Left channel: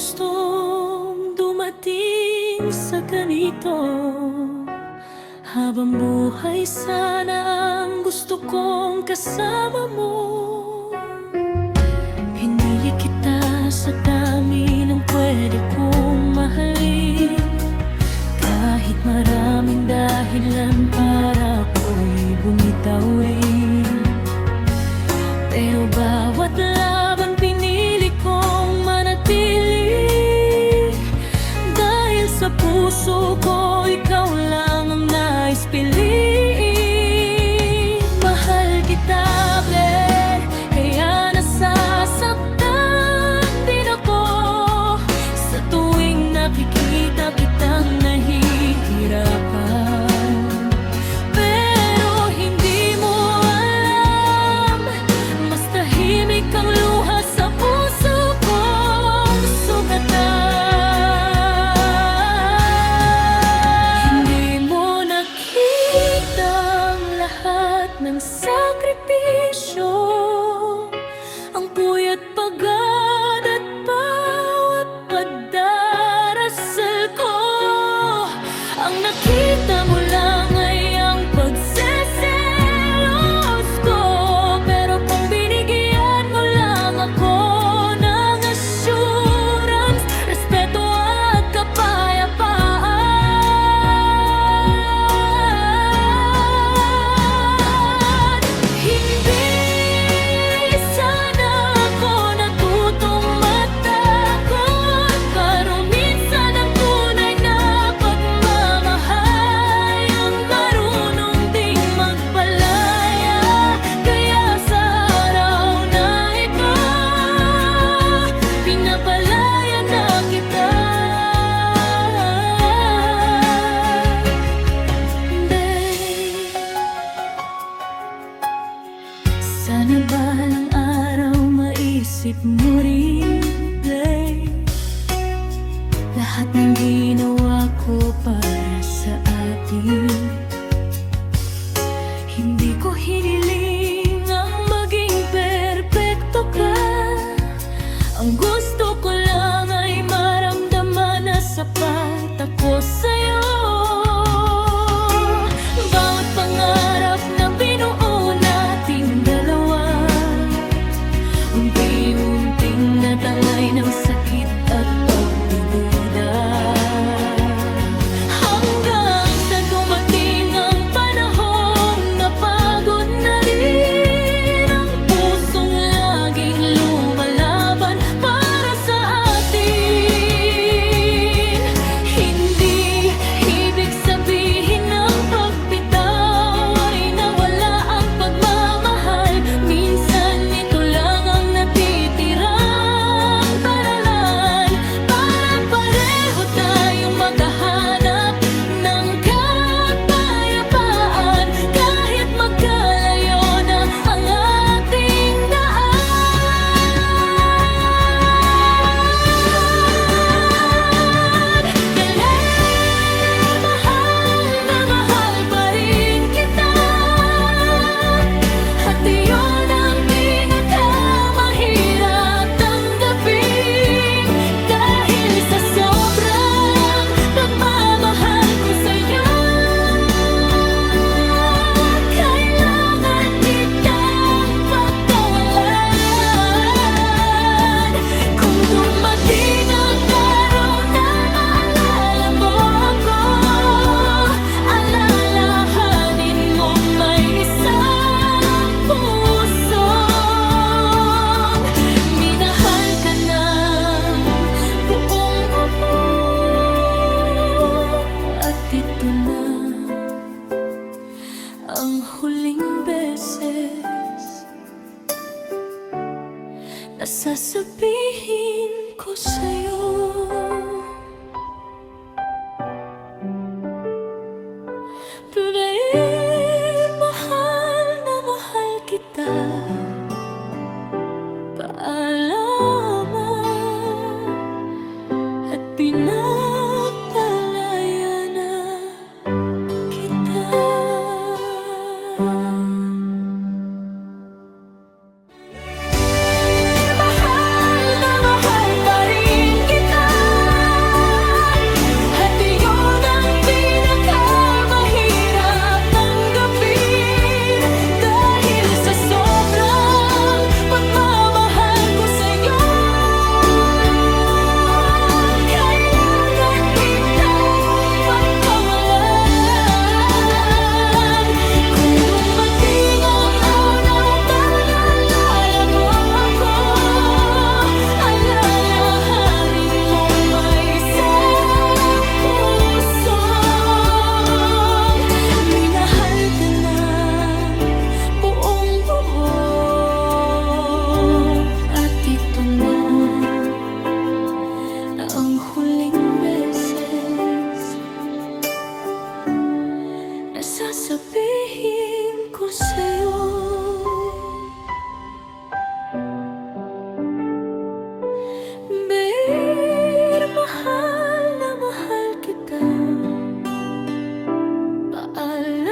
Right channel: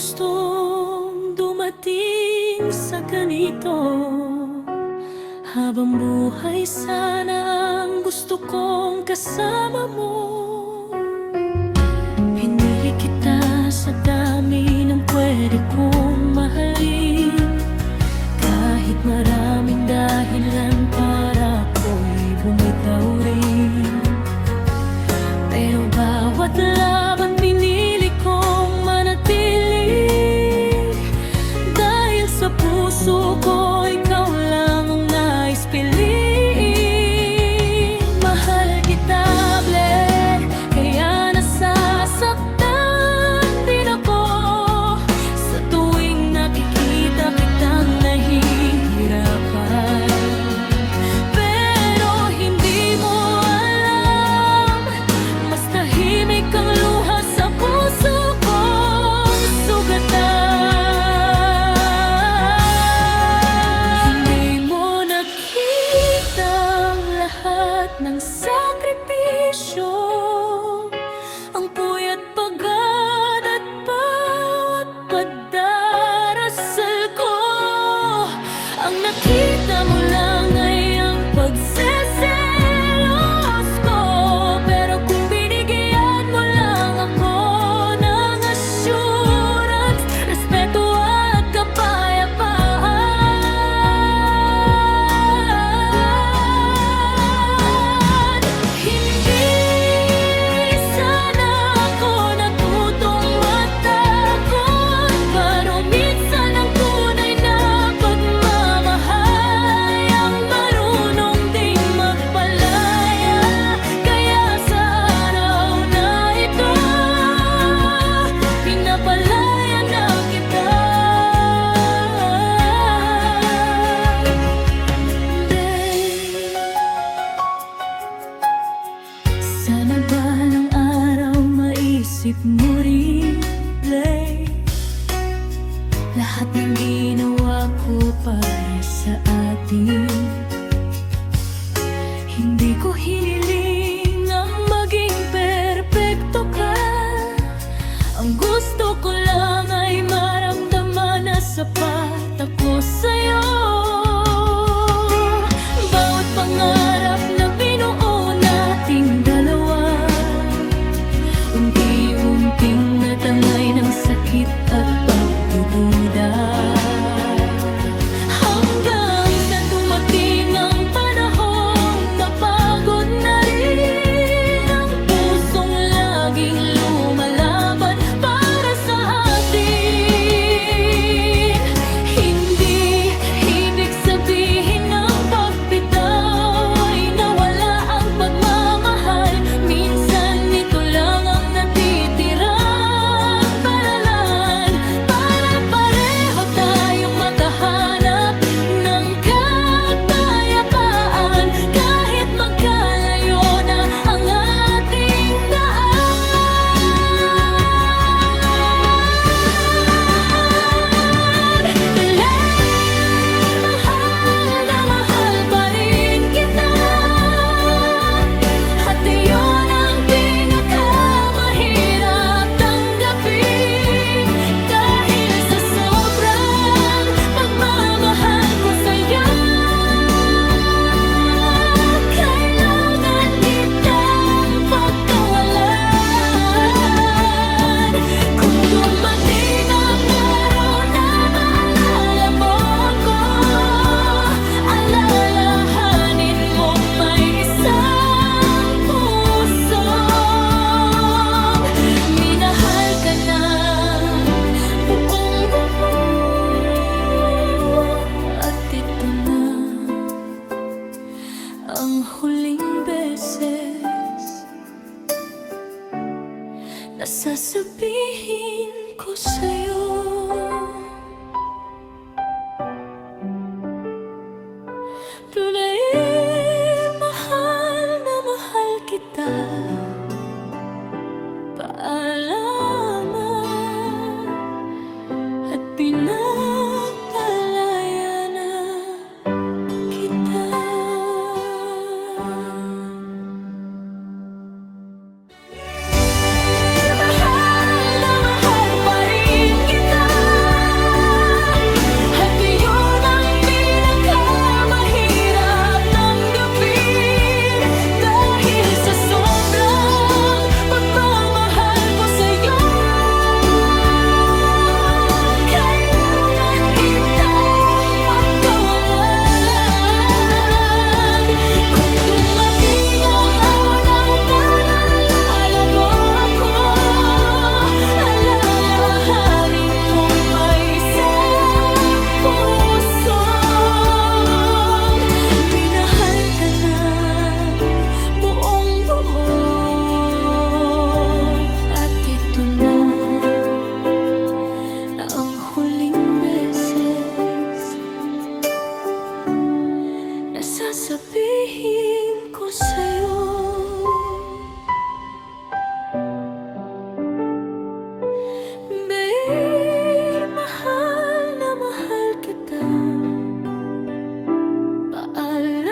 gustong dumating sa ganito. Habang buhay sana ang gusto kong kasama mo. Pinili kita sa dami ng pwede kong mahalin. Kahit maraming dahilan para ako'y bumitaw rin. Pero bawat laban pinili kong manatili. Dahil sa puso ko ikaw lang ang nais piliin. Mahal kita, Blair, kaya nasasaktan din ako sa tuwing nakikita kitang nahihirapan. Pero hindi mo alam, mas tahimik ang luha sa puso kong sugatan. Hindi mo nakita ang lahat ng sakripisyo, ang puyat, pagod at bawat pagdarasal ko. Ang nakita mo lang ay ang pagseselos ko. Pero kung binigyan mo lang ako ng assurance, respeto at kapayapaan, hindi sana ako natutong matakot. Pero minsan ang tunay na pagmamahal ang marunong ding magpalaya. Kaya sa araw na ito, pinapalaya na kita, babe. Sana balang araw maisip mo rin, babe, lahat ng ginawa ko para sa atin. Hindi ko hiniling ang maging perpekto ka. Ang gusto ko lang ay maramdaman na sapat ako sa'yo. Bawat pangarap na binuo nating dalawa, unti-unting natangay ng sakit at pagdududa. Hanggang sa dumating ang panahong napagod na rin ang pusong laging lumalaban para sa atin. Hindi ibig sabihin ng pagbitaw ay nawala ang pagmamahal. Minsan ito lang ang natitirang paralan para pareho tayong makahanap ng kapayapaan. Kahit magkalayo na ang ating daan. Blair, mahal na mahal pa rin kita. At iyon ang di nga mahirap tanggapin. Dahil sa sobrang pagmamahal ko sa'yo, kailangan kitang pagkawalan. Kung dumating ang araw na maalala mo ako, alalahanin mong may isang pusong minahal ka ng buong buo. At ito na ang huling beses na sasabihin ko sa'yo. Blair, mahal na mahal kita. Paalam at pinagpalaya na kita. Mahal na mahal pa rin kita. sasabihin ko sa'yo. Babe, mahal na mahal kita. Paalam.